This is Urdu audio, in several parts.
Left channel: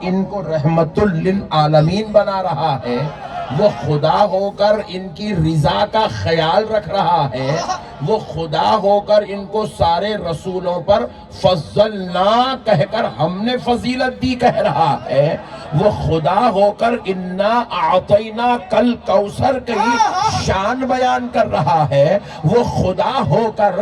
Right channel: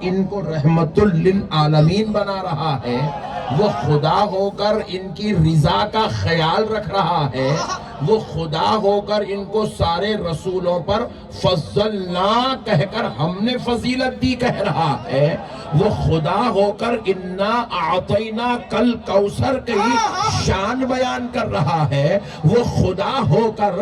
ان کو رحمت للعالمین بنا رہا ہے، وہ خدا ہو کر ان کی رضا کا خیال رکھ رہا ہے، وہ خدا ہو کر ان کو سارے رسولوں پر فضلنا کہہ کر ہم نے فضیلت دی کہہ رہا ہے، وہ خدا ہو کر انا اعطینا کل کوثر کی شان بیان کر رہا ہے، وہ خدا ہو کر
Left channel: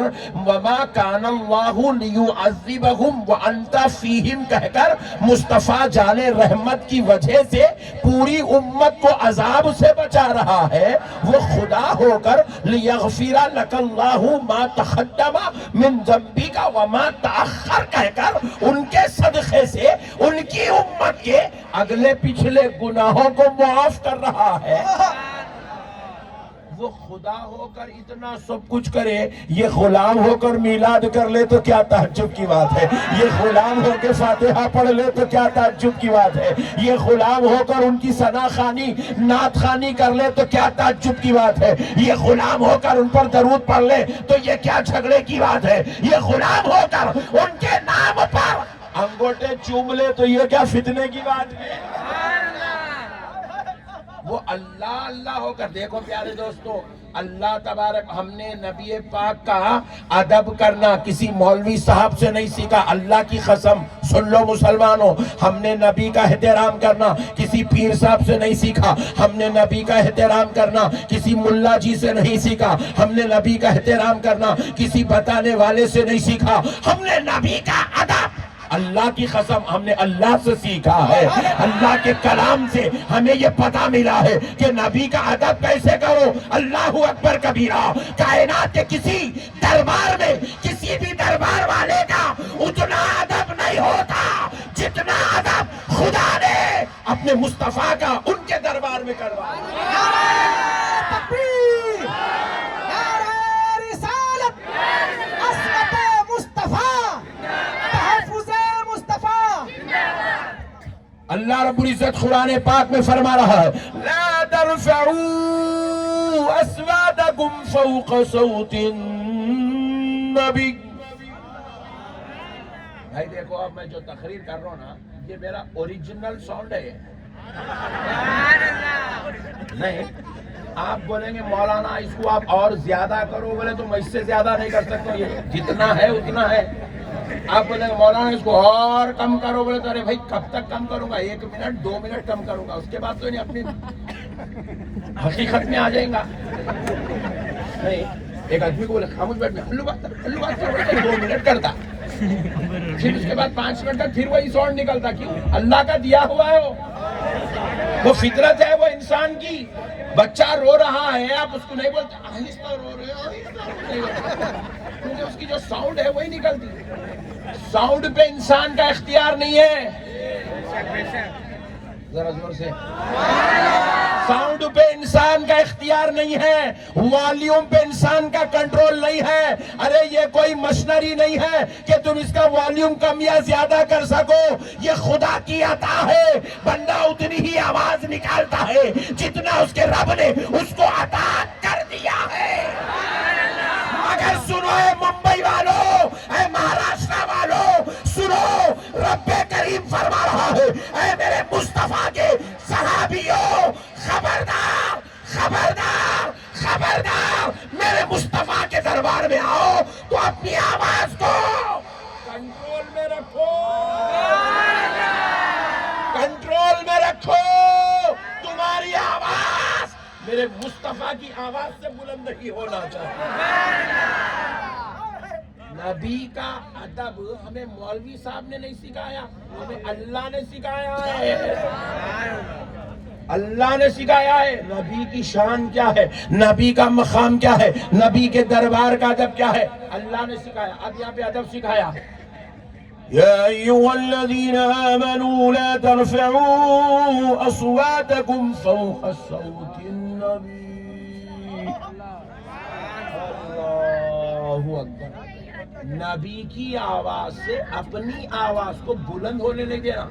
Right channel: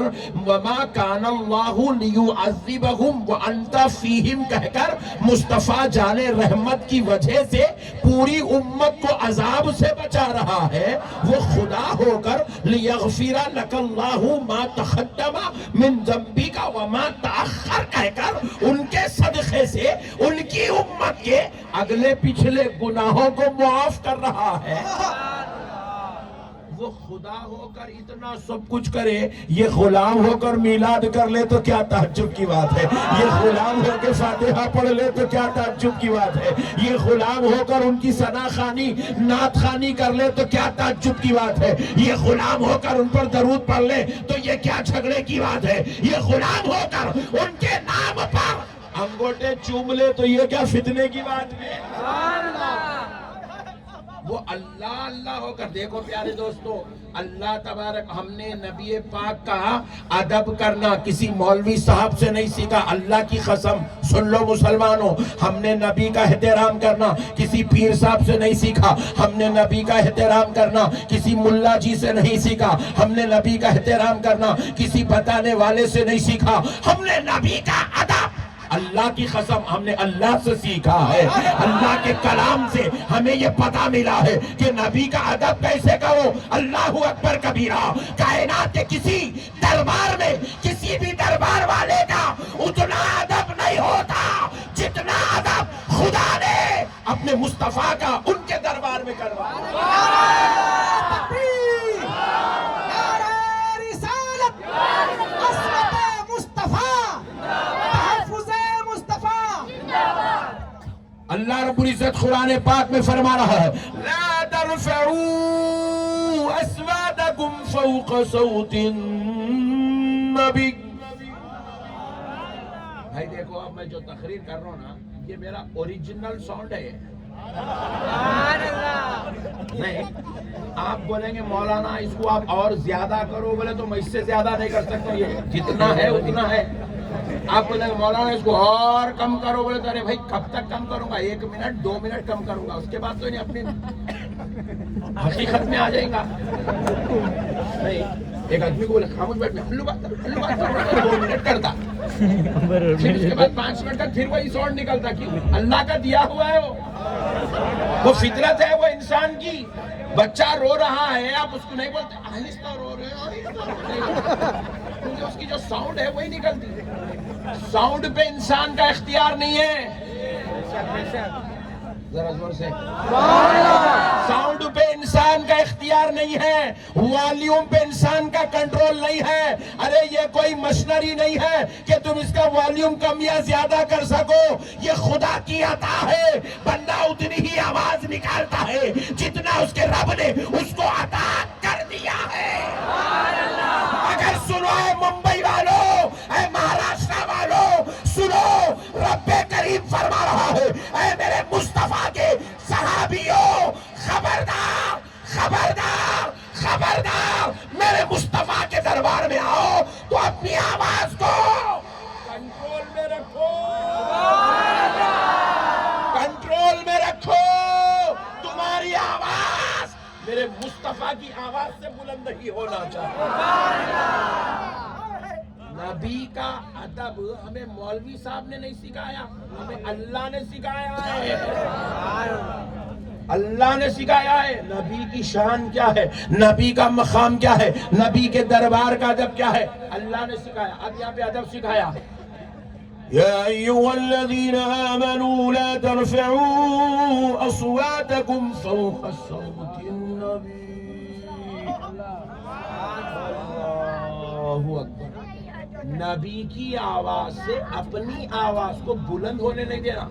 وما کان اللہ لیعذبہم وانت فیہم کہہ کر مصطفیٰ جان رحمت کی وجہ سے پوری امت کو عذاب سے بچا رہا ہے، وہ خدا ہو کر لیغفر لک اللہ ما تقدم من ذنبک وما تأخر کہہ کر ان کے صدقے سے ان کی امت کے اگلے پچھلے گناہوں کو معاف کر رہا ہے۔ وہ خدا ہو کر اتنا سب کچھ کرے، یہ غلام ہو کر میلاد کر لے تو کیا تعجب کی بات ہے، یہ غلام ہو کے فاتحہ پڑھ لے تو کیا تعجب کی بات ہے، یہ غلام ہو کر ان کی ثنا خوانی نعت خوانی کر لے تو کیا تعجب کی بات ہے، یہ غلام ہو کر ان پر درود پڑھ لے تو یہ کیا جھگڑے کی بات ہے، یہ غلام ہو کر ان کے نام پر انگوٹے چوم لے تو یہ کیا فتنے کی بات ہے۔ وہ اللہ اللہ ہو کر، دیکھو پیارے دوستو، اللہ تبارک، ہم نے نبی پاک کا ادب کرنا کسی مولوی صاحب سے نہیں سیکھا، اللہ کی قسم سن لو مسلمانوں، ہم نے نبی کا احترام کرنا کسی پیر صاحب سے نہیں سیکھا، ہم نے نبی کا احترام کرنا کسی ملا جی سے نہیں سیکھا، ہم نے نبی کا احترام کرنا کسی بتانے والے سے نہیں سیکھا، ہم نے نبی کا ادب اللہ کی قسم ہم نے اللہ سے سیکھا ہے، اللہ کے کلام سے ہمیں یہ پتہ ملا ہے کہ نبی کا ادب کیسے کرو۔ اللہ اکبر کبیرہ، کائنات کے کسی دربار میں کسی بھی دربار والے کا اتنا ادب نہیں ہوتا جتنا ادب خدا نے اپنے مصطفیٰ کا ان کے دربار میں کروایا۔ اللہ رب العزت قرآن پاک میں فرما رہا ہے لا ترفعوا اصواتکم فوق صوت النبی۔ بھائی دیکھو، اب میں جو تقریر کر رہا ہوں نا، یہ میرا اوریجنل ساؤنڈ ہے، نہیں آپ بولیں گے مولانا اس کو آپ اور زیادہ کرو، بولے تو میں اس سے زیادہ نہیں کر سکتا، یہ جتنا ہے اتنا ہے۔ آپ بولیں گے مولانا اس کو اور کم کرو، بولے تو ارے بھائی کب تک کم کروں گا، 1 منٹ 2 منٹ کم کروں گا، اس کے بعد تو نہیں اپنی حقیقت میں آ جائیں گا۔ نہیں، ایک آدمی کو بولے خاموش بیٹھ میں ہلو بات کرو 2 منٹ کرتا، پھر اس کے بعد 5 منٹ تک پھر وہی ساؤنڈ نکلتا، کیوں؟ اللہ کا دیا ہوا ہے، وہ فطرت ہے، وہ انسان کی۔ بچہ رو رہا ہے، آپ اس کو نہیں بولتے آہستہ رو رہے ہیں، کیونکہ اس کی جو ساؤنڈ ہے وہی نکلتی ہے۔ ساؤنڈ پہ انسان کا اختیار نہیں ہے، ذرا زور سے، ساؤنڈ پہ انسان کا اختیار نہیں ہے، والیوم پہ انسان کا کنٹرول نہیں ہے۔ ارے یہ کوئی مشنری نہیں ہے کہ تم اس کا والیوم کم یا زیادہ کر سکو، یہ خدا کی عطا ہے، بندہ اتنی ہی آواز نکالتا ہے جتنا اس کے رب نے اس کو عطا کر دیا ہے۔ اگر سنو اے ممبئی والو، اے مہاراشٹر والو، سنو، رب کریم فرما رہا ہے اے میرے مصطفیٰ کے صحابیوں، خبردار خبردار خبردار، میرے مصطفیٰ کے دربار میں آؤ تو اپنی آواز کو کنٹرول میں رکھو، کنٹرول میں رکھو، تمہاری آواز میرے مصطفیٰ کی آواز سے بلند نہیں ہونا چاہیے۔ نبی کا ادب ہمیں مولوی صاحب نے نہیں سکھایا، ہمیں اللہ نے سکھایا ہے، اللہ نے سکھایا ہے۔ نبی کی شان کیا ہے، نبی کا مقام کیا ہے، نبی کے دربار کا ادب کیا ہے، اللہ نے سکھایا۔ اب یہاں پہ ادب سکھایا، یا ایھا الذین آمنوا لا ترفعوا اصواتکم فوق صوت النبی۔ اللہ اکبر، نبی کی آواز سے اپنی آواز کو بلند ہونے نہیں دینا۔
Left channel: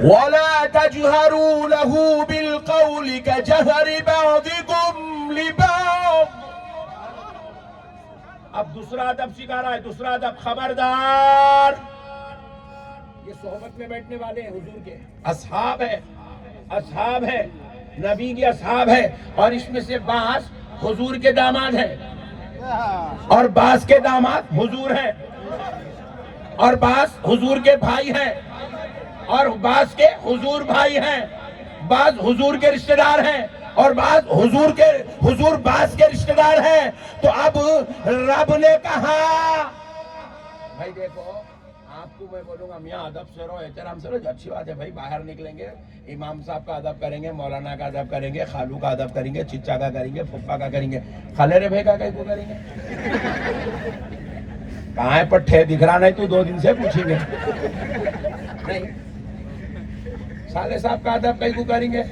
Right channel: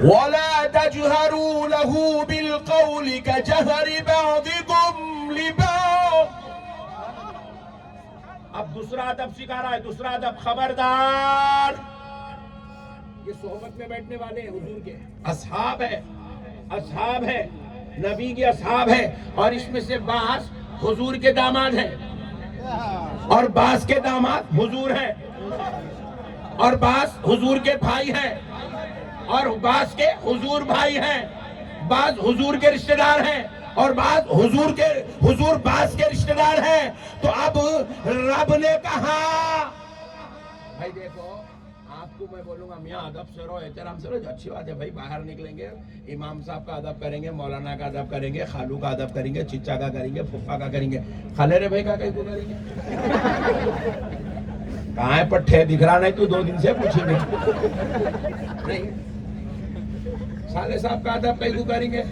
وَلَا تَجْهَرُوا لَهُ بِالْقَوْلِ كَجَهْرِ بَعْضِكُمْ لِبَعْضٍ۔ اب دوسرا ادب سکھا رہا ہے، دوسرا ادب، خبردار یہ صحبت میں بیٹھنے والے ہیں حضور کے اصحاب ہے نبی کے اصحاب ہے، اور اس میں سے بعض حضور کے داماد ہیں اور بعض کے داماد حضور ہیں اور بعض حضور کے بھائی ہیں اور بعض کے حضور بھائی ہیں، بعض حضور کے رشتہ دار ہیں اور بعض حضور بعض کے رشتہ دار ہیں۔ تو اب رب نے کہا بھائی دیکھو آپ کو میں بولوں گا میاں ادب سے رہو، احترام سے رہو، اچھی بات ہے بھائی، باہر نکلیں گے امام صاحب کا ادب کریں گے، مولانا کا ادب کریں گے، خالو کا ادب کریں گے، چچا کا کریں گے، پھپھا کا کریں گے، خلیرے بھائی کا کہیں کو کریں گے؟ کہاں ہے پٹھے؟ دکھ رہا نہیں تو 2 دن سے پوچھیں گے نہیں، سالے صاحب کا ادب کہیں کو کریں گے؟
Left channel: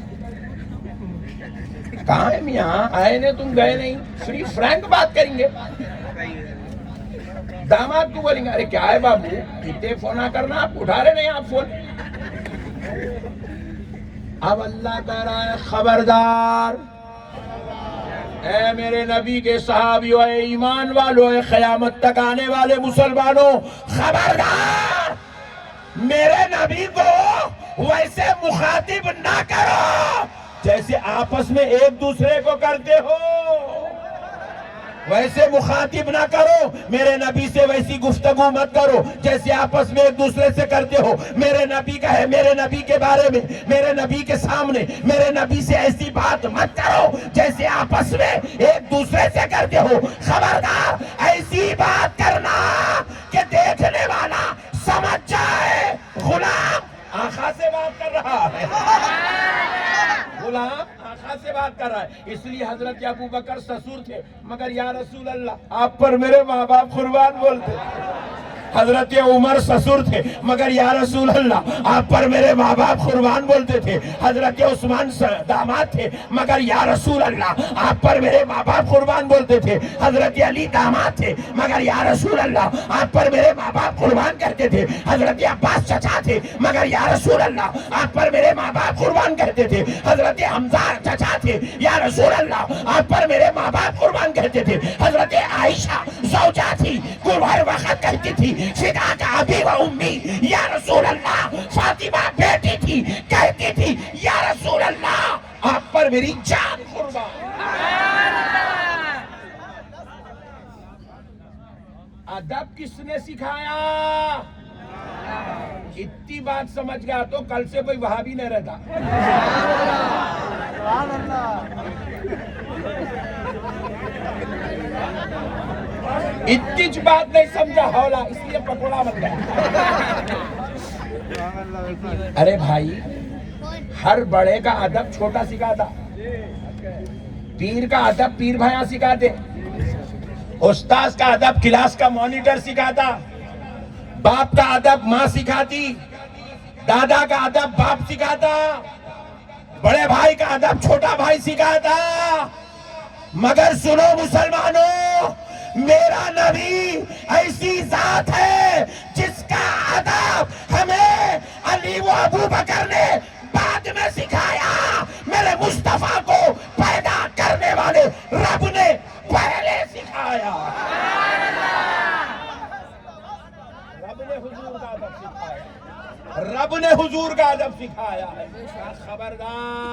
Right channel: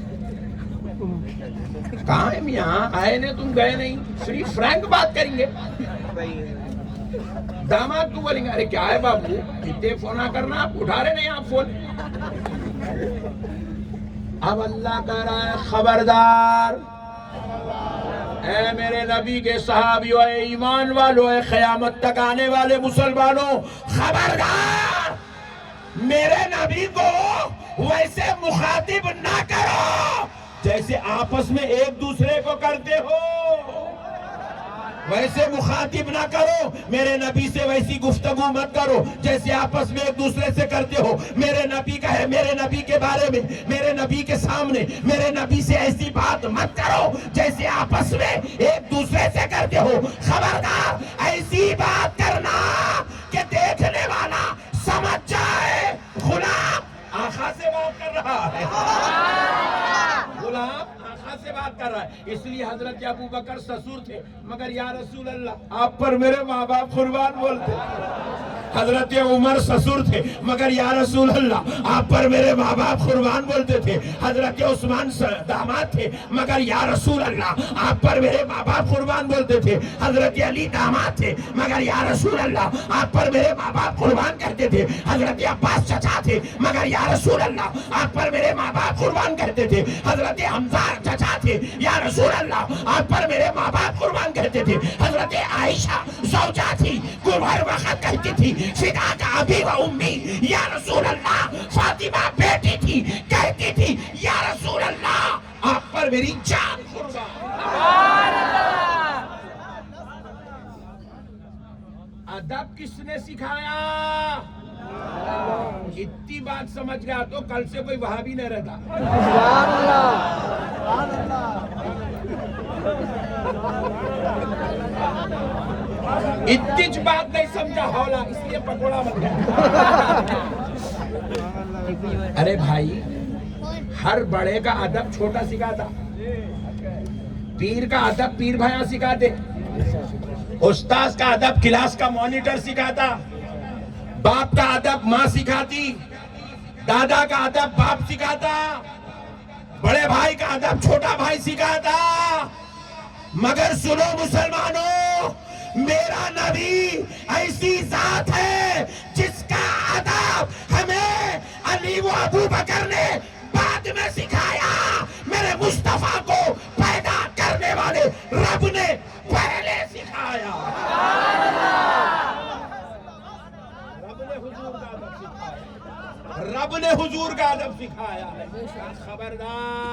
کہاں ہے میاں؟ آئے نہیں تم گئے نہیں، فری فرینک بات کریں گے۔ داماد کو بولیں گے ارے کیا ہے بابو اتنے فون نہ کرنا، آپ اٹھا رہے نہیں آپ فون۔ اب اللہ کہہ رہا ہے خبردار اے میرے نبی کے صحابیوں، اے ایمان والوں، اے قیامت تک آنے والے مسلمانوں، خبردار میرے نبی کو ویسے مخاطب نہ کرو جیسے آپس میں ایک دوسرے کو کرتے ہو، ویسے مخاطب نہ کرو میرے نبی سے، ویسی گفتگو مت کرو جیسے آپس میں ایک دوسرے سے کرتے ہو۔ میرے نبی کا ہے، میرے نبی کے بارے میں، میرے نبی کے سامنے میرے نبی سے ایسی بات مت کرو جیسے آپس میں ایک دوسرے سے کرتے ہو۔ خبردار ایسی بات کرنا کہ دیکھنے والا سمجھ جائے غلام آقا سے بات کر رہا ہے، غلام آقا سے بات کر رہا ہے۔ اس لیے حضرت ابو بکر سسور تھے مگر یا رسول اللہ آپ پر میرے ماں باپ قربان بولتے۔ حضرت عمر سسور تھے مگر یا رسول اللہ آپ پر میرے ماں باپ قربان بولتے تھے۔ حضرت عثمان داماد تھے مگر یا رسول اللہ آپ پر میرے ماں باپ قربان بولتے تھے۔ حضرت علی داماد تھے مگر یا رسول اللہ آپ پر میرے ماں باپ قربان کرتے تھے۔ حضرت عباس چچا تھے مگر یا رسول اللہ آپ پر میرے ماں باپ قربان کرتے تھے۔ حضرت حمزہ چچا تھے یا رسول اللہ آپ پر میرے ماں باپ قربان کرتے تھے۔ حضرت عائشہ زوجہ تھی، ہر وقت کہتی تھی فداک ابی و امی یا رسول اللہ، فاطمہ بیٹی تھی کہتی تھی یا رسول اللہ آپ پر میری جان قربان۔ ادب کس نے سکھایا؟ اتنی بات سمجھ گیا تو کل سے کوئی وہابی نہیں رہتا۔ اتنی بات نہیں سمجھا ہولا اس لیے پکوڑا بن گیا۔ ارے بھائی ہر بڑے کا ادب چھوٹا سکھاتا، پیر کا ادب پیر بھائی سکھاتے، استاذ کا ادب کلاس کا مانیٹر سکھاتا، باپ کا ادب ماں سکھاتی، دادا کا ادب باپ سکھاتا، بڑے بھائی کا ادب چھوٹا بھائی سکھاتا۔ مگر سنو مسلمانوں، میرا نبی ایسی ذات ہے جس کا ادب ہمیں علی و ابو بکر نے بعد میں سکھایا، میرے مصطفیٰ کو پیدا کرنے والے رب نے پہلے سکھایا۔ رب نے حضور کا ادب سکھایا، رب نے حضور کا ادب سکھایا ہے۔ خبردار